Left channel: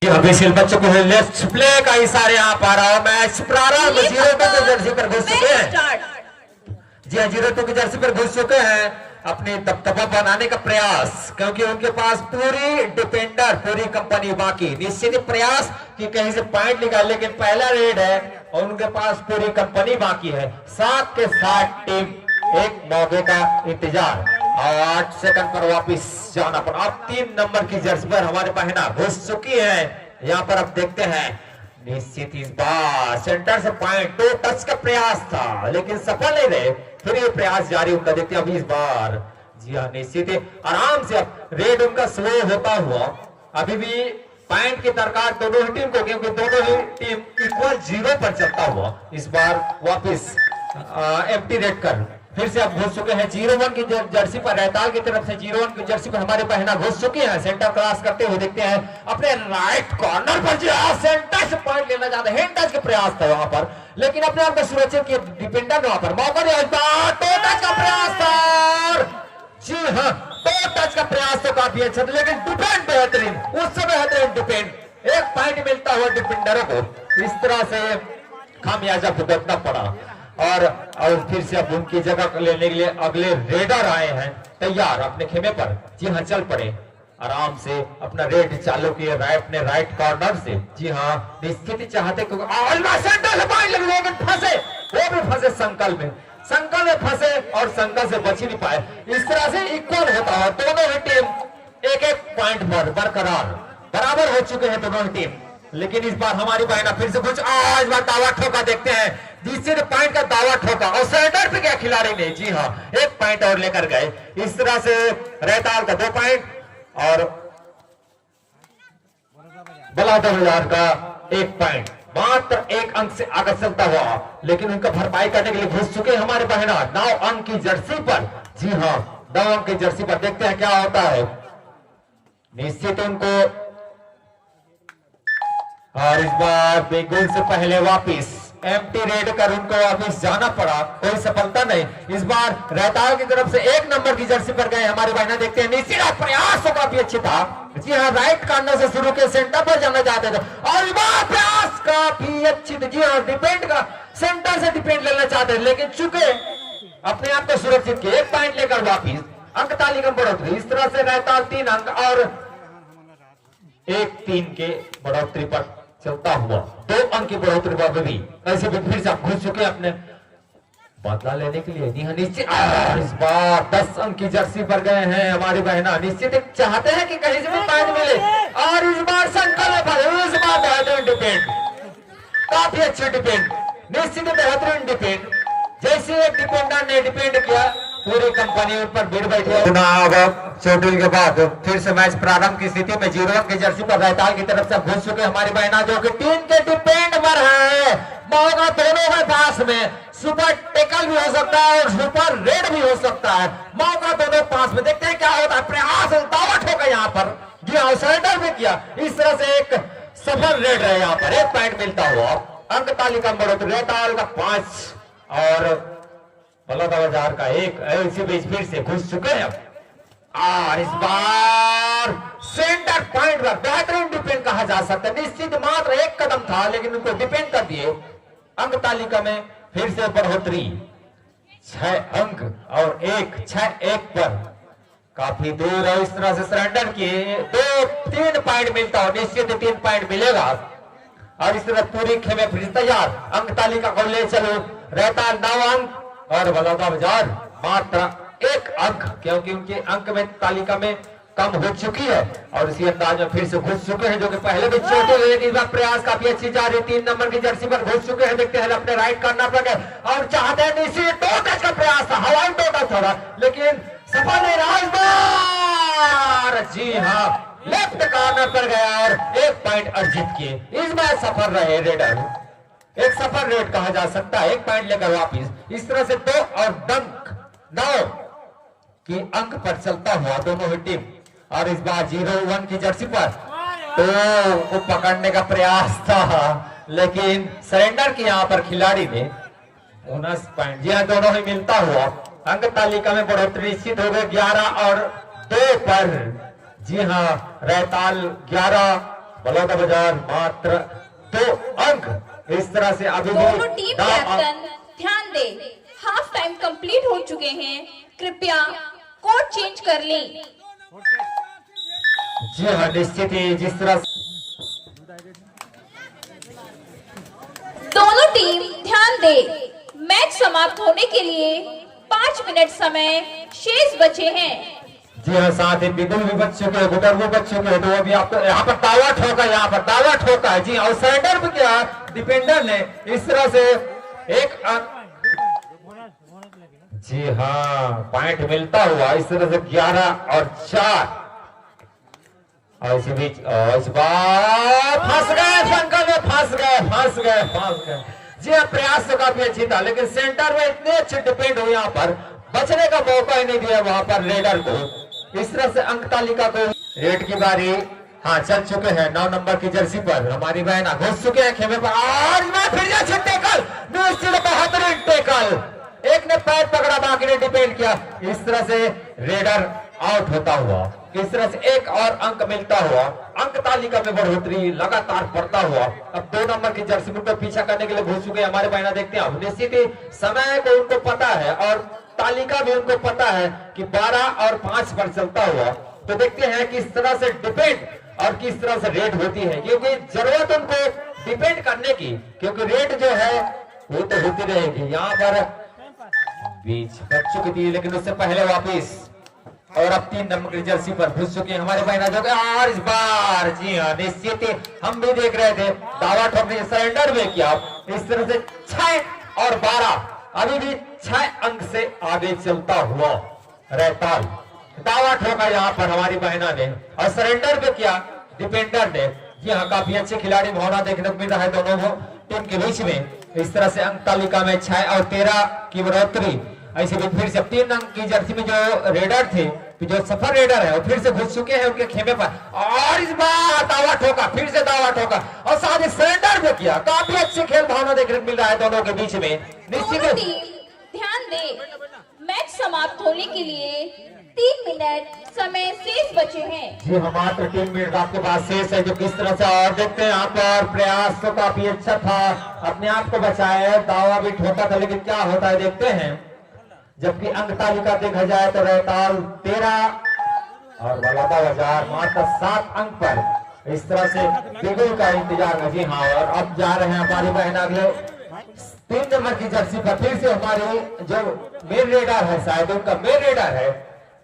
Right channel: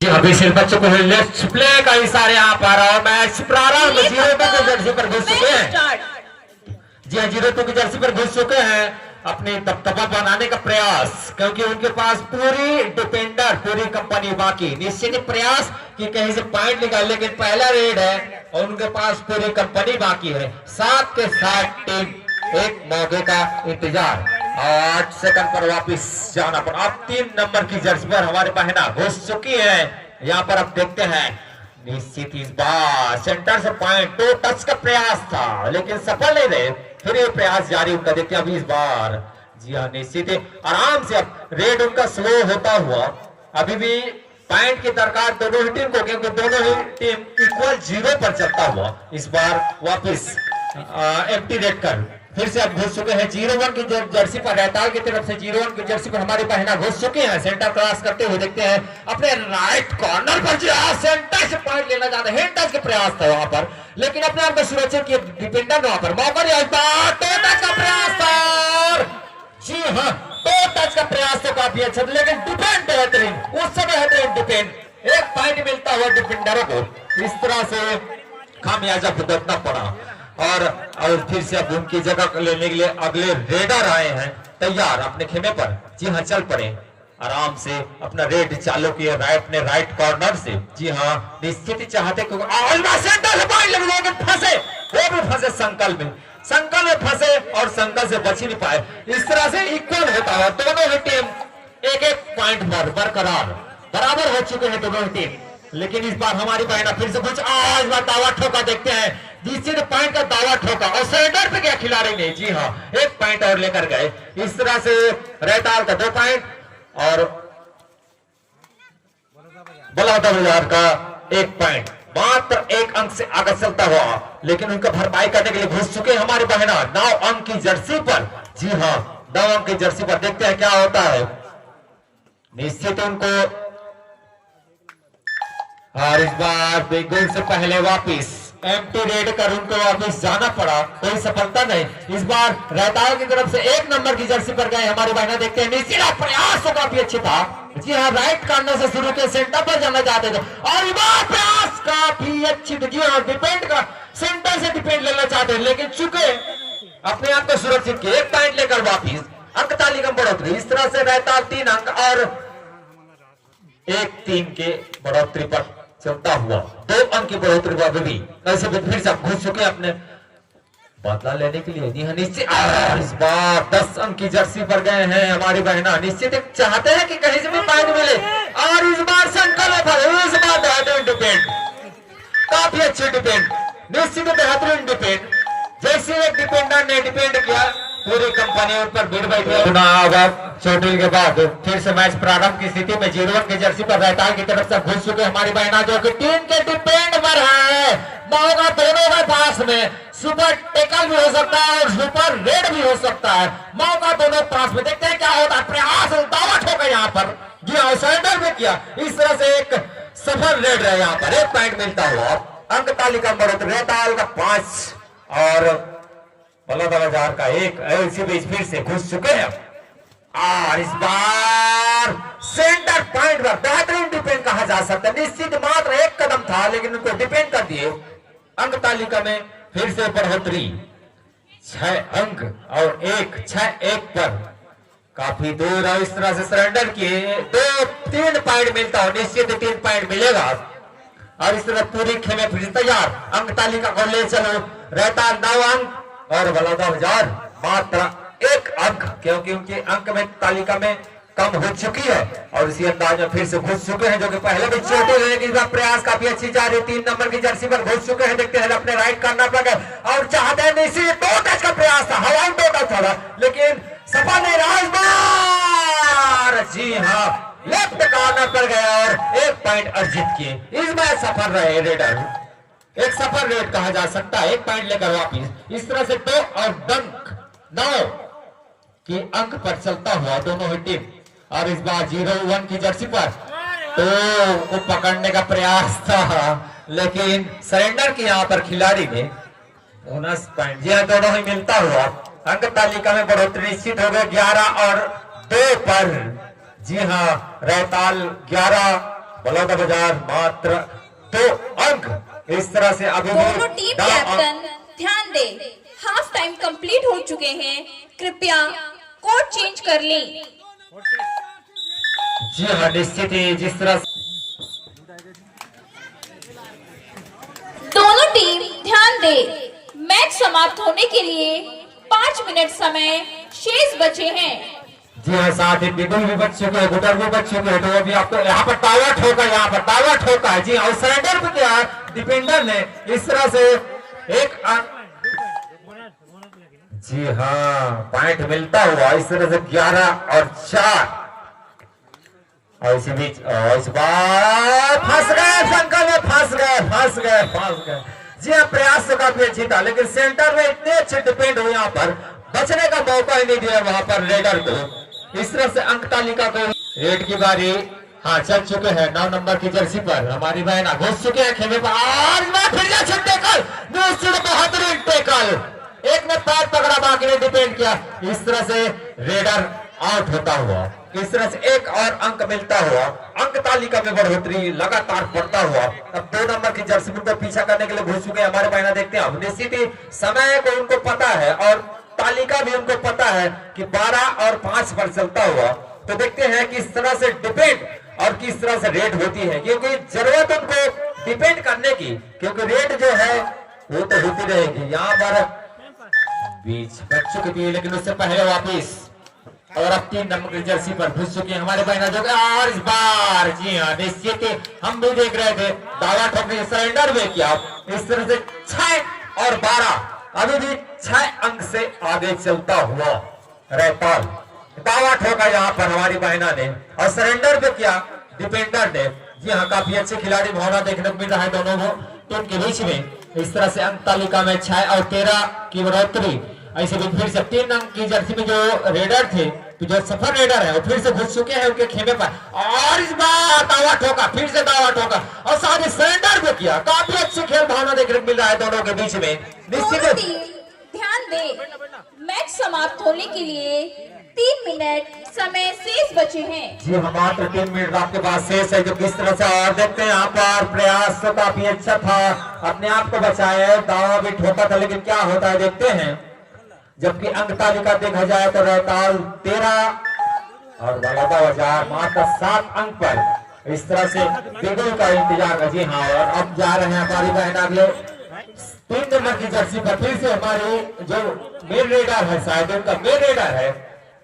अभी सिर्फ बच्चों को लेट्स प्ले का इशारा यहाँ पर और मैच प्रारंभ 0-2 की जर्सी पर घुस चुके हैं। जी हाँ, 0-2 की जर्सी पर घुस चुके हैं अपने दबदबा बनाने का प्रयास, क्योंकि उनके पास पूरी डिफेंडर पूरी कंपनी बाकी निश्चित प्रयास कि कहीं से पॉइंट निकाल, लेकिन पहला रेड है और उनके पास पूरी कंपनी बाकी है। 7 के 7 टीम एक मौके का इंतजार और 8 सेकंड पर वापस जाना पड़ा। अब 3 नंबर की जर्सी पर हमारे बहना घुस चुकी है। यहाँ पर अब देखते हैं निश्चित इस बार सेंटर से पॉइंट 2 टच का प्रयास था लेकिन सफल नहीं रहे, फिर ये प्रयास जारी उनका देखते हैं अभी इस बार। जी हाँ, निश्चित आराम से अब रेड उनका स्लो होता हुआ अभी भी पॉइंट की दरकार दोनों ही टीम को, क्योंकि दोनों ही टीम इक्वल 0 पर चलता हुआ इस बार वापिस एम्प्टी रेड कर फिर से अब घुस चुके हैं 0-1 की जर्सी पर। रहताल की तरफ से 0-1 की जर्सी पर हमारे बहना घुस चुके हैं। सेंटर क्रॉस करते हुए देखते हैं अपने राइट कॉर्नर पर जी सेंटर से पॉइंट लेना चाहते हैं। टच का प्रयास था वहां पर, लेकिन अपने आप को सुरक्षित किए डिफेंडर वहां पर। मौका टच का प्रयास था। जी हाँ, टच का प्रयास तो काफी अच्छा था, लेकिन डिफेंड बेहतरीन, उससे बेहतरीन डिफेंड। एक पॉइंट मिलता हुआ डिफेंडरों को इस तरह से खामियाजा भुगतना पड़ा और फिर से अब उनकी जगह लेने के लिए अगले रेडर आए हैं तैयार अपने खेमे पर। जी हाँ, चल पड़े आराम से अपना रेड चालू किए अपने राइट कॉर्नर से। जी हाँ, निश्चित चाहते लेकिन फंसे, वो भी फंसे संकल में फंसे और संकल से बच ही नहीं पाए। इस तरह से इक्वल होता है दोनों ही टीम एक पॉइंट पर बराबर हो चुके हैं दोनों ही टीम, लेकिन इस बार हमारी बहना फिर से कुछ आज बार दावा ठोका। देखते हैं जिसने पॉइंट का दावा ठोका और सेंटर पे गया खिलाड़ी ने। जी हाँ, 1 पॉइंट और लेकर गए। इस तरह से रहताल का 2 पॉइंट और बलादर का 1 पॉइंट, मात्र 1 अंक से आगे चलता हुआ, लेकिन उनका भरपाई करने के लिए घुस चुके हमारे बहना 9 अंक की जर्सी पर। जी हाँ, 9 अंक की जर्सी पर देखते हैं क्या होता है। निश्चित उनको और इस बार बिल्कुल से पहले वापिस एम्प्टी रेड कर उनको वापिस जाना पड़ा, कोई सफलता नहीं। इस बार रहताल की तरफ से 1 नंबर की जर्सी पर गए हमारे बहना। देखते हैं निश्चित प्रयास तो काफी अच्छे था। जी हाँ, राइट कॉर्नर से शुरू के सेंटर पर जाना चाहते थे और इस बार प्रयास काफी अच्छी थी। जी हाँ, डिपेंड का सेंटर से डिपेंड लेना चाहते हैं, लेकिन चुके अपने आप को सुरक्षित किए। 1 पॉइंट लेकर वापिस अंक तालिका में बढ़ोतरी। इस तरह से रहताल 3 अंक और 1-3 के बढ़ोतरी पर चलता हुआ 2 अंक की बढ़ोतरी पर भी ऐसे फिर से घुस चुके अपने बदला लेने के लिए। निश्चित इस बार 10 अंक की जर्सी पर गए हैं हमारी बहना। निश्चित चाहते हैं कि कहीं से भी पॉइंट मिले और इस बार संकल्प है। इस बार बेहतरीन डिफेंड, काफी अच्छे डिफेंड, निश्चित बेहतरीन डिफेंड। जैसे एक डिफेंडर ने डिफेंड किया पूरी कंपनी उन पर भीड़ बैठी। चोटिल के बाद फिर से मैच प्रारंभ की स्थिति में 0-1 की जर्सी पर रहताल की तरफ से घुस चुके हमारी बहना, जो कि टीम के डिपेंड पर है। मौका दोनों के पास में सुपर टेकल भी हो सकता है और सुपर रेड भी हो सकता है। मौका दोनों पास में, देखते हैं क्या होता है। प्रयास उल्टावट होगा यहाँ पर। जी हाँ, सेंटर में किया। इस तरह से एक सफल रेड है यहाँ पर। 1 पॉइंट मिलता हुआ अंक तालिका में रहताल का 5 और बलादर का 1। ऐसे बीच फिर से घुस चुके हैं और इस बार सेंटर पॉइंट पर बेहतरीन डिफेंड कहा जा सकता है। निश्चित मात्र 1 कदम था, लेकिन उनको डिफेंड कर दिए। अंक तालिका में फिर से बढ़ोतरी 6 अंक और 6-1 पर काफी दूर है। इस तरह से सरेंडर किए 2-3 पॉइंट मिलता हो, निश्चित 3 पॉइंट मिलेगा और इस तरह पूरी खेमे फिर तैयार। अंक तालिका को ले चलो। रहता 9 अंक और बलादर मात्र 1 अंक, क्योंकि उनके अंक में तालिका में कम हो चुकी है और इसी अंदाज में फिर से घुस चुके हैं, जो कि पहले भी छोटे हुए। इस बार प्रयास काफी अच्छी जा रही। 3 नंबर की जर्सी पर घुस चुके हैं। देखते हैं अपने राइट कॉर्नर पर गए और चाहते हैं निश्चित 2 टच का प्रयास था, हवाई 2 टच था, लेकिन सफल नहीं रहा। इस बार जी हाँ, लेफ्ट कॉर्नर पर गए और 1 पॉइंट अर्जित किए। इस बार सफल रहे रेडर, एक सफल रेड कहा जा सकता है। 1 पॉइंट लेकर वापिस इस तरह से 2 और 9 की अंक पर चलता हुआ दोनों ही टीम। और इस बार 0-1 की जर्सी पर तो पकड़ने का प्रयास था, लेकिन सरेंडर की यहाँ पर खिलाड़ी ने 19 पॉइंट। जी हाँ, दोनों ही मिलता हुआ अंक तालिका में बढ़ोतरी निश्चित हो गई 11 और 2 पर। जी हाँ, रहताल 11 बलौदा बाजार मात्र 2 अंक। इस तरह से अभी दोनों टीम कैप्टन ध्यान दे, हाफ टाइम कंप्लीट हो चुके हैं, कृपया कोड चेंज कर लें। जी हाँ, निश्चित ही जिस तरह दोनों टीम ध्यान दे, मैच समाप्त होने के लिए 5 मिनट समय शेष बचे हैं। जी हाँ, साथ ही बिगुल भी बच चुके हैं, गुटर भी बच चुके हैं, तो अभी आपको यहाँ पर टावर ठोका, यहाँ पर टावर ठोका है। जी हाँ, सरेंडर भी किया है डिफेंडर ने। इस तरह से एक जी हाँ पॉइंट मिलता हुआ इस तरह से 11 और 4। और इसी बीच इस बार फंस गए, शंकर में फंस गए। जी हाँ, प्रयास तो काफी अच्छी था, लेकिन सेंटर में इतने अच्छे डिपेंड हुए, यहाँ पर बचने का मौका ही नहीं दिया वहां पर रेडर को। इस तरह से अंक तालिका को रेड की बारी हाँ चल चुके हैं। 9 नंबर की जर्सी पर हमारी बहना घुस चुके हैं खेमे पर, और फिर बेहतरीन टेकल, एक ने पैर पकड़ा, बाकी ने डिपेंड किया। इस तरह से रेडर आउट होता हुआ, इस तरह से एक और अंक मिलता हुआ, अंक तालिका में बढ़ोतरी लगातार बढ़ता हुआ। अब 2 नंबर की जर्सी को पीछा करने के लिए घुस चुके हमारे बहना। देखते हैं निश्चित ही समय को उनको पता है और तालिका भी उनको पता है कि 12 और 5 पर चलता हुआ। तो देखते हैं किस तरह से डिपेंड और किस तरह से रेड होती है, क्योंकि जरूरत उनको डिपेंड करने की, क्योंकि रेड जो है वो तो होती रहेगी। यहाँ पर बीच बच चुकी थी, लेकिन उससे पहले वापिस और अब 3 नंबर की जर्सी पर घुस चुके हैं हमारे बहना जो। और इस बार जी हाँ निश्चित हम भी देख रहे थे, दावा ठोकने सरेंडर में किया। इस तरह से 6 और 12 अभी भी 6 अंक से आगे चलता हुआ रहता। दावा ठोका यहाँ पर हमारी बहना ने और सरेंडर पे किया डिफेंडर ने। जी हाँ, काफी अच्छे खिलाड़ी भावना देखने को मिल रहा है दोनों टीम के बीच में। इस तरह से अंक तालिका में 6 और 13 की बढ़ोतरी। ऐसे भी फिर से 3 अंक की जर्सी में जो रेडर थे, तो जो सफर रेडर है वो फिर से घुस चुके हैं उनके खेमे पर, और इस बार दावा ठोका, फिर से दावा ठोका और साथ ही सरेंडर भी किया। काफी अच्छी खेल भावना देखने को मिल रहा है दोनों के बीच में। निश्चित ध्यान दे, मैच समाप्त होने के लिए 3 मिनट समय शेष बचे हैं। जी हाँ, मात्र 3 मिनट आपके पास शेष है। जो किस तरह से और देखते हैं यहाँ पर प्रयास तो काफी अच्छा था, अपने आप को बचाए, दावा भी ठोका था, लेकिन क्या होता है देखते हैं। जबकि अंक तालिका देखा जाए तो रहताल 13 और बलौदा बाजार मात्र 7 अंक पर। इस तरह से बिगुल का इंतजार है। जी हाँ, और अब जा रहे हैं हमारी बहन आगे 3 नंबर की जर्सी पर। फिर से हमारे जो मेन रेडर है, शायद उनका मेन रेडर है,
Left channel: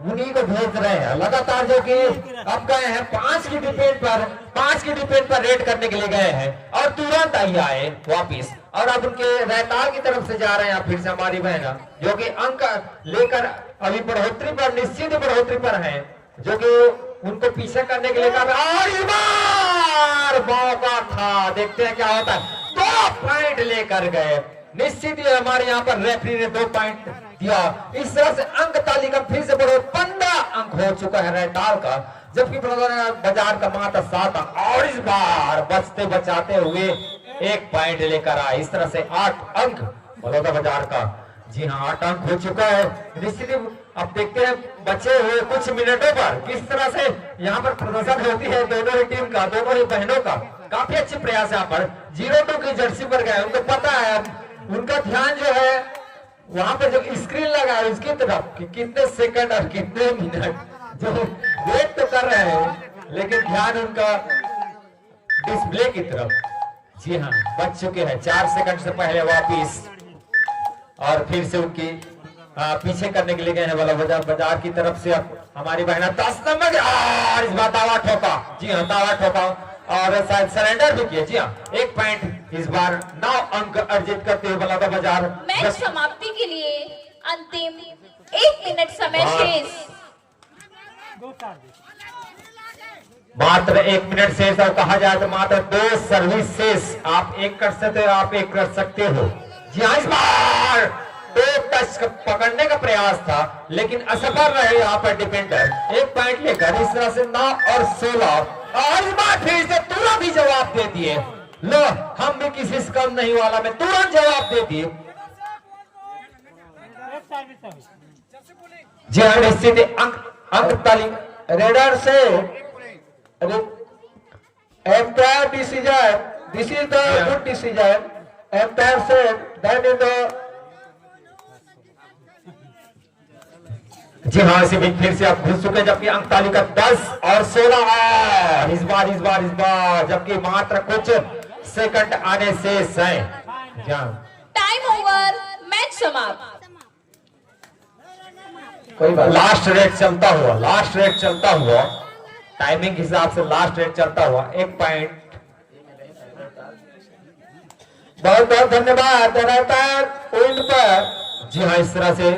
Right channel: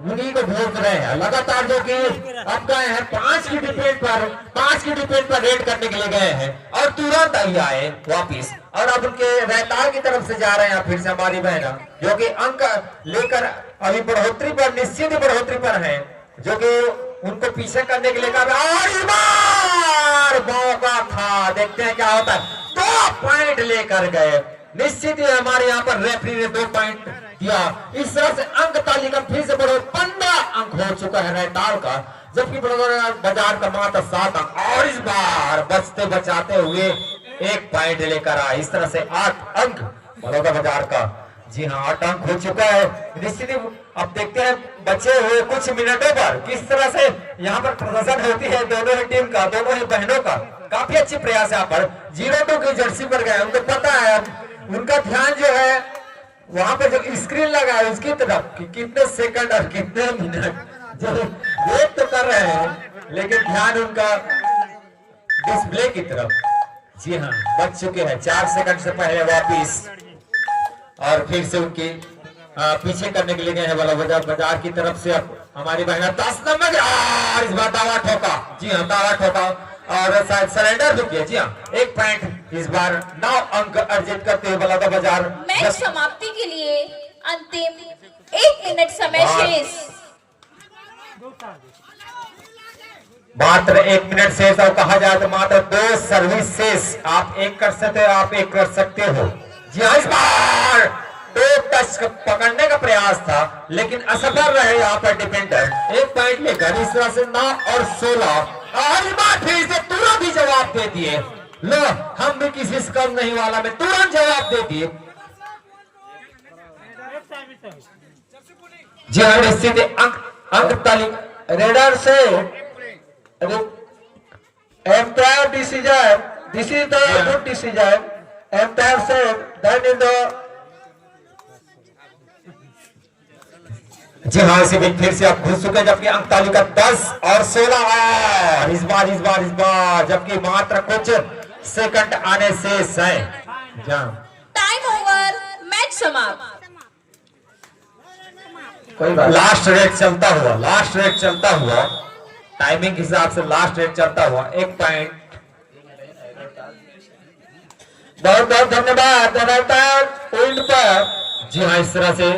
उन्हीं को भेज रहे हैं लगातार, जो कि अब गए हैं 5 की डिपेंड पर रेड करने के लिए गए हैं और तुरंत आई आए वापिस। और अब उनके रहताल की तरफ से जा रहे हैं फिर से हमारी बहना, जो कि अंक लेकर अभी बढ़ोतरी पर, निश्चित ही बढ़ोतरी पर है, जो कि उनको पीछे करने के लिए और इस बार मौका था। देखते हैं क्या होता है। 2 पॉइंट लेकर गए। निश्चित ही हमारे यहाँ पर रेफरी ने 2 पॉइंट दिया। इस तरह से अंक तालिका फिर से बढ़ो 15 अंक हो चुका है रहताल का, जबकि बाजार का मात्र 7 अंक। और इस बार बचते बचाते हुए 1 पॉइंट लेकर आए। इस तरह से 8 अंक बलौदा बाजार का। जी हाँ, 8 अंक हो चुका है। निश्चित ही अब देखते हैं बचे हुए कुछ मिनटों पर किस तरह से यहाँ पर प्रदर्शन होती है दोनों ही टीम का, दोनों ही बहनों का। काफी अच्छी प्रयास यहाँ पर 02 की जर्सी पर गए, उनको पता है, उनका ध्यान जो है वहां पे जो स्क्रीन लगा है उसकी तरफ कि कितने सेकंड और कितने मिनट जो वेट तो कर रहे हैं, लेकिन ध्यान उनका डिस्प्ले की तरफ। जी हाँ, बच चुके हैं 4 सेकंड से पहले वापिस, और फिर से उनकी पीछे करने के लिए गए हैं बलौदा बाजार की तरफ से। हमारी बहना 10 नंबर और इस बार दावा ठोका। जी हाँ, दावा ठोका और शायद सरेंडर भी किया। जी हाँ, 1 पॉइंट इस बार 9 अंक अर्जित करते हुए बलौदा बाजार। मैच समाप्ति के लिए अंतिम 1 मिनट समय शेष। मात्र 1 मिनट शेष, और कहा जाए तो मात्र 2 सर्विस शेष। आप एक कर सकते हो, आप एक कर सकते हो। जी हाँ, इस बार 2 टच पकड़ने का प्रयास था, लेकिन असफल रहे यहाँ पर डिफेंडर। 1 पॉइंट लेकर इस तरह से 9 और 16, और इस बार फिर से तुरंत ही जवाब दे दिए। लो, हम भी किसी से कम नहीं वाला में तुरंत जवाब दे दिए। जी हाँ, निश्चित अंक तालिका रेडर से Empire decision. This is the Yeah. good decision. Empire said that in the जी हाँ, इसी बीच फिर से आप घुस चुके, जबकि अंक तालिका 10 और 16 है इस बार, जबकि मात्र कुछ सेकंड आने शेष है। जी हाँ, टाइम ओवर, मैच समाप्त। कोई बात लास्ट रेट चलता हुआ टाइमिंग के हिसाब से लास्ट रेट चलता हुआ 1 पॉइंट। बहुत बहुत धन्यवाद। पॉइंट पर जी हाँ, इस तरह से